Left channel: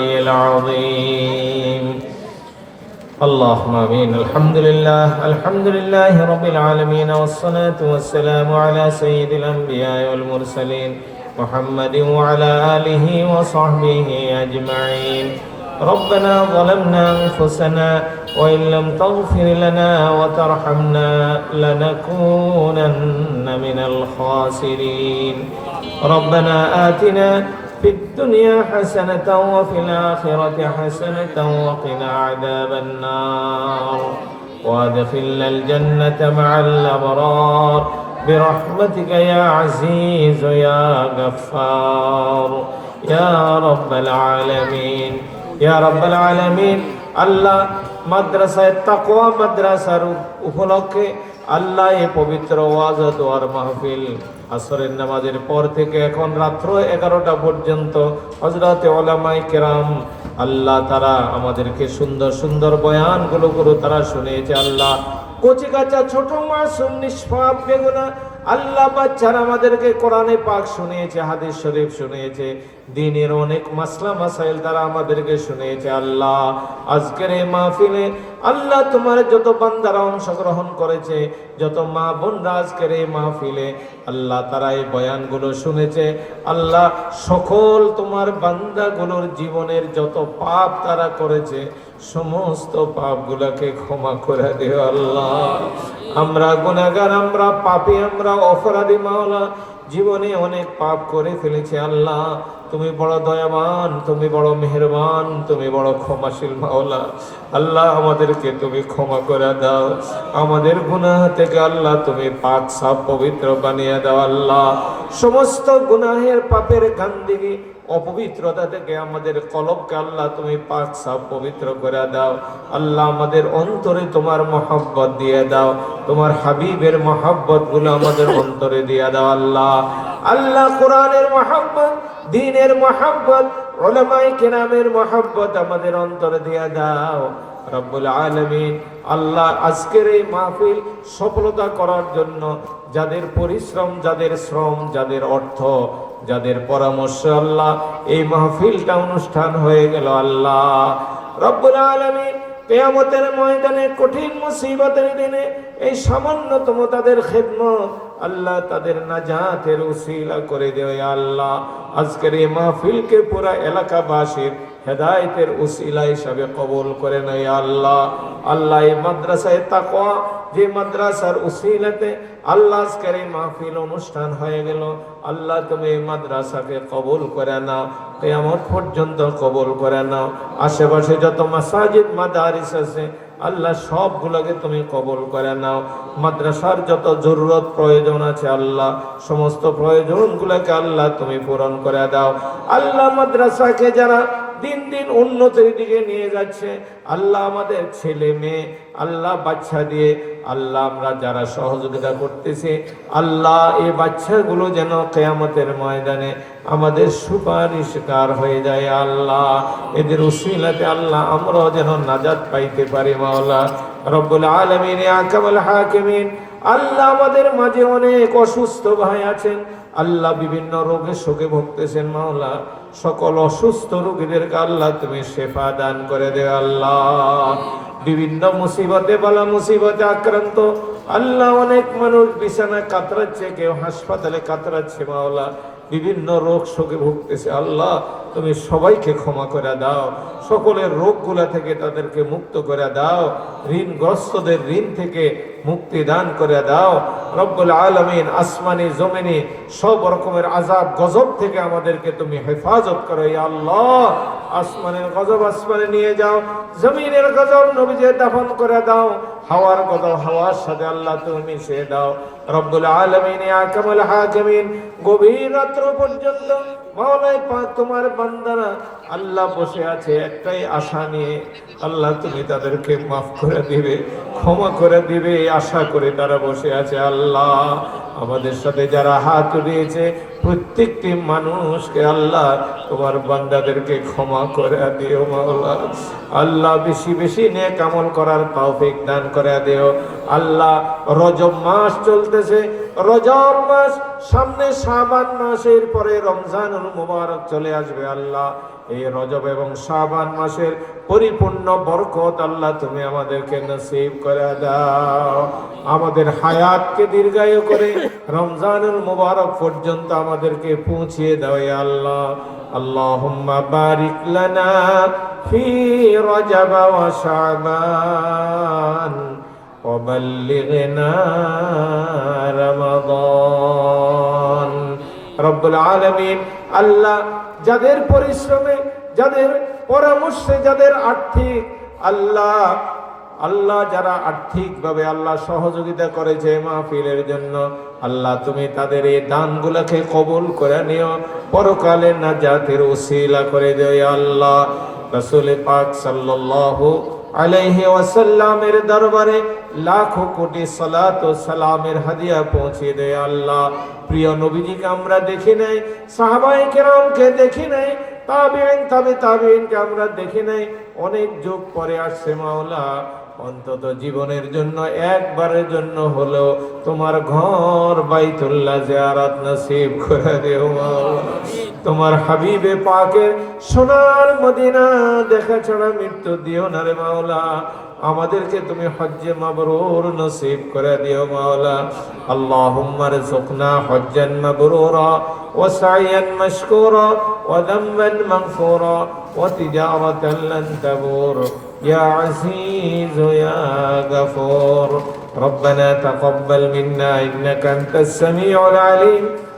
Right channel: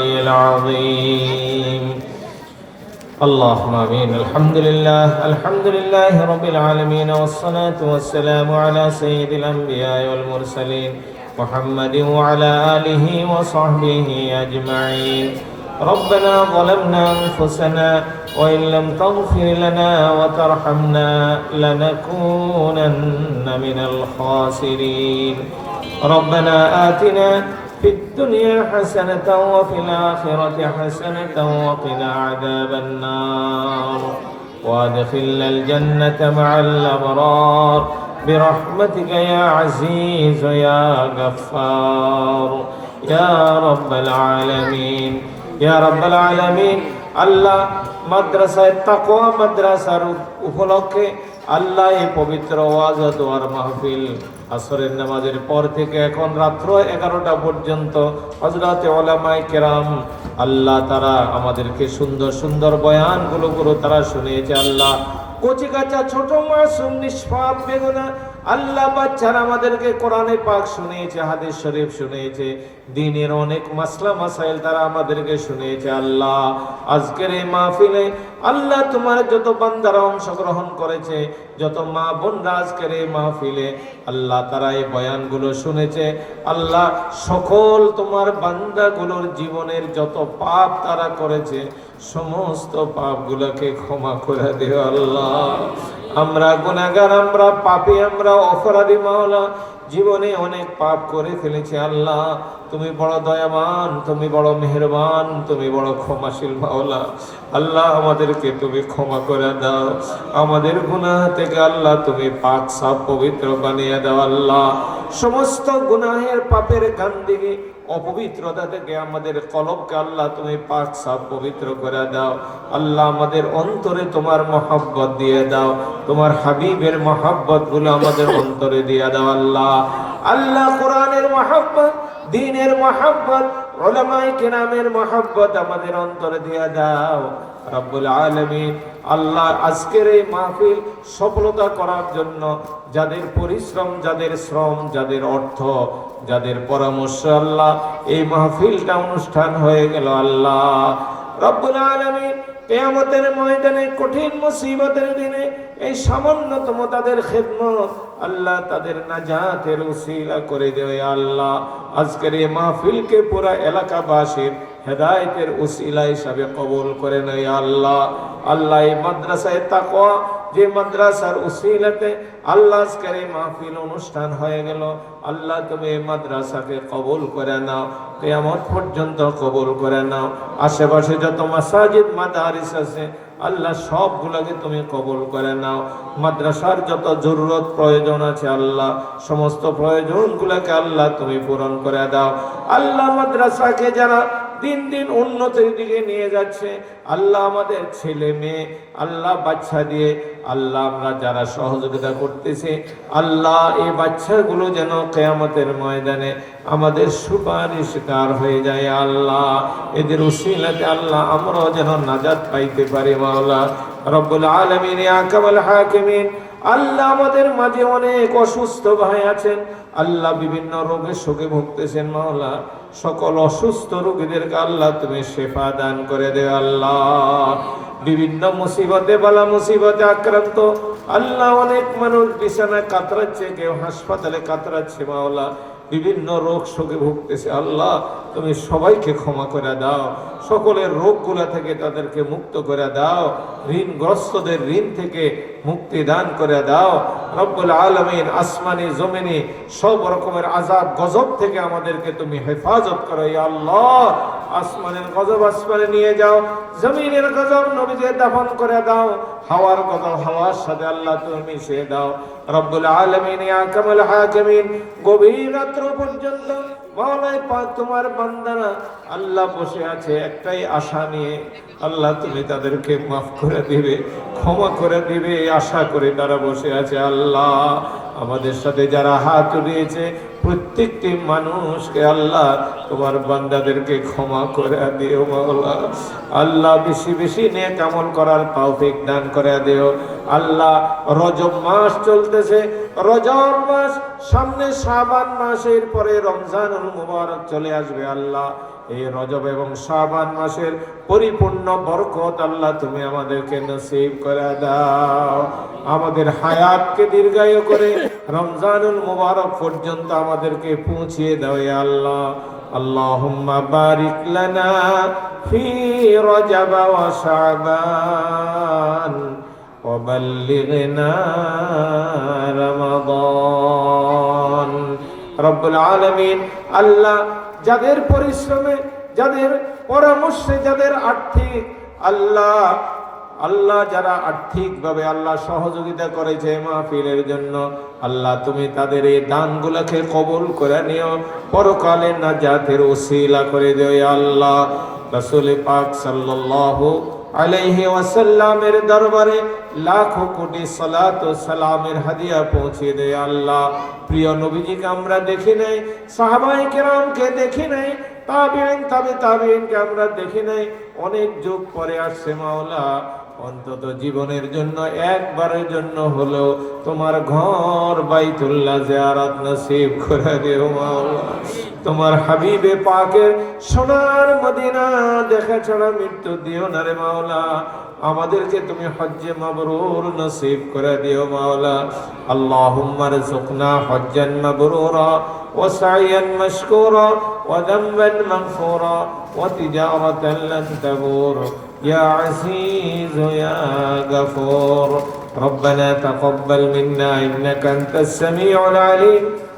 العظيم. اللهم آمين. الحمد لله الحمد لله رب العالمين والصلاة والسلام على سيد الأنبياء والمرسلين محمد وعلى آله وصحبه أجمعين. ربنا ظلمنا أنفسنا وإن لم تغفر لنا وترحمنا لنكونن من الخاسرين. ربنا آتنا في الدنيا حسنة وفي الآخرة حسنة وقنا عذاب النار وادخلنا الجنة مع الأبرار برحمتك يا عزيز يا غفار يا رب العالمين يا رب العالمين আল্লাহ মাদ্রাসায় তাকো মাদ্রাসার উপলক্ষে আল্লাহ পবিত্র ওয়াজ ও দোয়ার মাহফিল আসরের নামাজের পর থেকে এখন রাত্র এগারোটা পর্যন্ত হজরত ওলামাই কেরাম আল্লাহ তারা আমাদেরকে সুন্দর সুন্দর বয়ানগুলো গুলো তারা শুনেছে আল্লাহ কচি কাঁচা ছোট মাসুম নিষ্পাপ বেগুনা আল্লাহ বাচ্চারা আমাদেরকে কোরআনে পাক শুনিয়েছে, হাদিস শরীফ শুনিয়েছে, দিনের অনেক মাসলা মাসাইল তারা আমাদেরকে শুনিয়েছে, আল্লাহ, আজকের এই মাহফিলে আল্লাহ তোমার যত বান্দারা অংশগ্রহণ করেছে, যত মা বোনরা আজকের এই মাহফিলে, আল্লাহ তারা এই বয়ানগুলো শুনেছে, আল্লাহ সকল তোমার বান্দাগুলোর জীবনের যত পাপ তারা করেছে, সমস্ত পাপগুলোকে ক্ষমা করে দিও আল্লাহ। আমরা গুনাগার আমরা পাপি আমরা অপরাধী মাওলা। জীবনে অনেক পাপ করে ফেলেছি আল্লাহ। তুমি বড় দয়াবান, তুমি বড় মেহেরবান, তুমি বড় ক্ষমাশীল মাওলা। আল্লাহ আমাদেরকে তুমি ক্ষমা করে দাও। আমাদের গুনাহ থেকে আল্লাহ তুমি পাক সাপ পবিত্র বানিয়ে দাও আল্লাহ। সমস্ত গুনাহের পাপের গান্দিগি অপবিত্রতা থেকে আমাদের কলবকে আল্লাহ তুমি পাক সাপ পবিত্র করে দাও। আল্লাহ আমাদের অন্তরে তোমার মহাব্বত দিয়ে দাও। তোমার হাবিবের মহাব্বতগুলো আমাদের অন্তরে দিয়ে দাও আল্লাহ। আল্লাহ কোরআনের মহব্বত, দিনের মহব্বত ওলামাই কেরামের মহব্বত আমাদের অন্তরে দিয়ে দাও। রব্বুল আলমিন, আল্লাহ আজকের এই মাহফিল সফলতা করার জন্য যাদের পরিশ্রম, যাদের শ্রম, যাদের অর্থ, যাদের পরামর্শ, আল্লাহ এই মাহফিলটা অনুষ্ঠান হয়ে গেল, আল্লাহ। রব্বুল আলমিন, কেয়ামতের ময়দানে কঠিন মুসিবতের দিনে এই সামান্যতম তাদের খেদমত, আল্লাহ তাদের না নাজাতের উসিলা করে দেবে, আল্লাহ। আজকের এই মাহফিলকে পুরা এলাকাবাসীর হেদায়তের উসিলা হিসাবে কবুল করে নেয়, আল্লাহ। আল্লাহ, এই মাদ্রাসায় তাকওয়া, যে মাদ্রাসার উসিলাতে আল্লাহ আজকের এই মাহফিল অনুষ্ঠান হয়ে গেল, আল্লাহ তুমি এই মাদ্রাসাকে কবুল করে নাও, কেয়ামত পর্যন্ত কবুল করে নাও। আশেপাশে যত মাসাজিদ, মাদারিস আছে আল্লাহ সবগুলোকে তুমি কবল করে নাও। মাদ্রাসার যত জরুরত প্রয়োজন আছে আল্লাহ, সমস্ত প্রয়োজনগুলোকে আল্লাহ তুমি পূরণ করে দাও। আল্লাহ মাদ্রাসাকে যারা দিন দিন উন্নতির দিকে নিয়ে যাচ্ছে। আল্লাহ আমাদের ছেলে মেয়ে, আল্লাহ বাচ্চা দিয়ে, আল্লাহ আমরা যারা সহযোগিতা করতেছি, আল্লাহ এই বাচ্চাগুলো যেন কেয়ামতের ময়দানে আমাদের সুপারিশকার হয়ে যায় আল্লাহ। এদের উসিলাতে আল্লাহ আমরাও যেন নাজাদ পাইতে পারি মাওলা। রব্বুল আলমিন আকামাল হাকিমিন, আল্লাহ আমাদের মাঝে অনেক অসুস্থ ভাই আছেন। আল্লাহ বিভিন্ন রোগে শোকে ভুগতেছেন, মাওলা। সকল অসুস্থ রোগীদেরকে আল্লাহ তুমি সেফা দান করে দে, আল্লাহ। বিভিন্ন মুসিবতে, বালা মুসিবতে আক্রান্ত। আল্লাহ অনেক মানুষ বিছানায় কাতরাচ্ছে, কেউ হাসপাতালে কাতরাচ্ছে, মাওলা। বিভিন্ন রোগ শোকে ভুগতেছে। আল্লাহ, তুমি সবাইকে ক্ষমা করে দাও। সকলের রোগগুলা থেকে তাদেরকে মুক্ত করে দাও। ঋণগ্রস্তদের ঋণ থেকে মুক্তি দান করে দাও। রব্বুল আলমিন আসমানি, জমিনি সব রকমের আজাব গজব থেকে আমাদেরকে তুমি হেফাজত করো আল্লাহ। আসমানের গজব আসমানে নিয়ে যাও, জমিনের গজব নবীজে দাফন করে দাও, হাওয়ার গজব হাওয়ার সাথে আল্লাহ তুমি মিশিয়ে দাও। রব্বুল আলমিন আকামাল জমিন গভীর রাত্র পর্যন্ত তোমার বান্দারা আল্লাহ বসে আছে একটাই আশা নিয়ে। আল্লাহ তুমি তাদেরকে মাফ করে দিবে, ক্ষমা করে দিবে আশা করে তারা বসে আছে। আল্লাহ আমাদের সাথে যারা হাত উঠিয়েছে, প্রত্যেকটি মানুষকে আল্লাহ তোমার বান্দাদেরকে ক্ষমা করে দিও মাওলা। আল্লাহ বেশি বেশি নিয়ে কামল করার তৌফিক দান করে দিও। আল্লাহ রজব মাস চলতেছে রজব মাস, সামনে শাবান মাসের পরে রমজানুল মুবারক চলে আসবে আল্লাহ। এই রজব এবং শাবান মাসের পরিপূর্ণ বরকত আল্লাহ তুমি আমাদেরকে নসিব করে দাও। আমাদের হায়াতকে দীর্ঘায়ু করে রমজানুল মুবারক পর্যন্ত আমাদেরকে পৌঁছিয়ে দাও ইয়া আল্লাহ। আল্লাহুম্মা বারিক লানা ফি রজব ওয়া শাবান। وبلغنا رمضان রব্বুল আলমিন আল্লাহ যাদের পরিশ্রমে যাদের পরামর্শে যাদের আর্থিক আল্লাহ আল্লাহ যারা আর্থিকভাবে আল্লাহ সহযোগিতা করেছে মাহফিলের জন্য আল্লাহ তুমি তাদের এই দানগুলোকে কবুল করে নিও পরকালে না জাতের ওসিলা করে দিও ইয়া আল্লাহ রসুল পাক সাল্লাল্লাহু আলাইহি ওয়াসাল্লামের দরবারে লাখো কোটি সালাত ও সালামের হাদিয়া পৌঁছে দেয় আল্লাহ। প্রিয় নবীজিকে আমরা দেখি নাই সাহাবাই কেরামকে দেখি নাই তাবিন তবে তাবিনকে আমরা দেখি নাই। অনেক যুগ পরে আসছে মাওলা, অন্তত জীবনের জন্য একবারের জন্য হলেও তোমার ঘর বাইতুল্লাহ জিয়ারাত নসিব করে দেও মাওলা। তোমার হাবিবে পাকের সোনার মদিনা দেখা ছাড়া মৃত্যু দিও না রে মাওলা আমাদেরকে তুমি হজ্জে মাবরুর নসিব করে দিও মাওলা আল্লাহুম্মা রযুকনা হজ্জান মাবরুরা ওয়া সাইয়ান মাশকুরা ওয়া যামবান মাগফুরা ওয়া তিজারাতান লান তাবুর ইয়া আজিজ ইয়া গফুর ربنا تقبل منا انك انت السميع العليم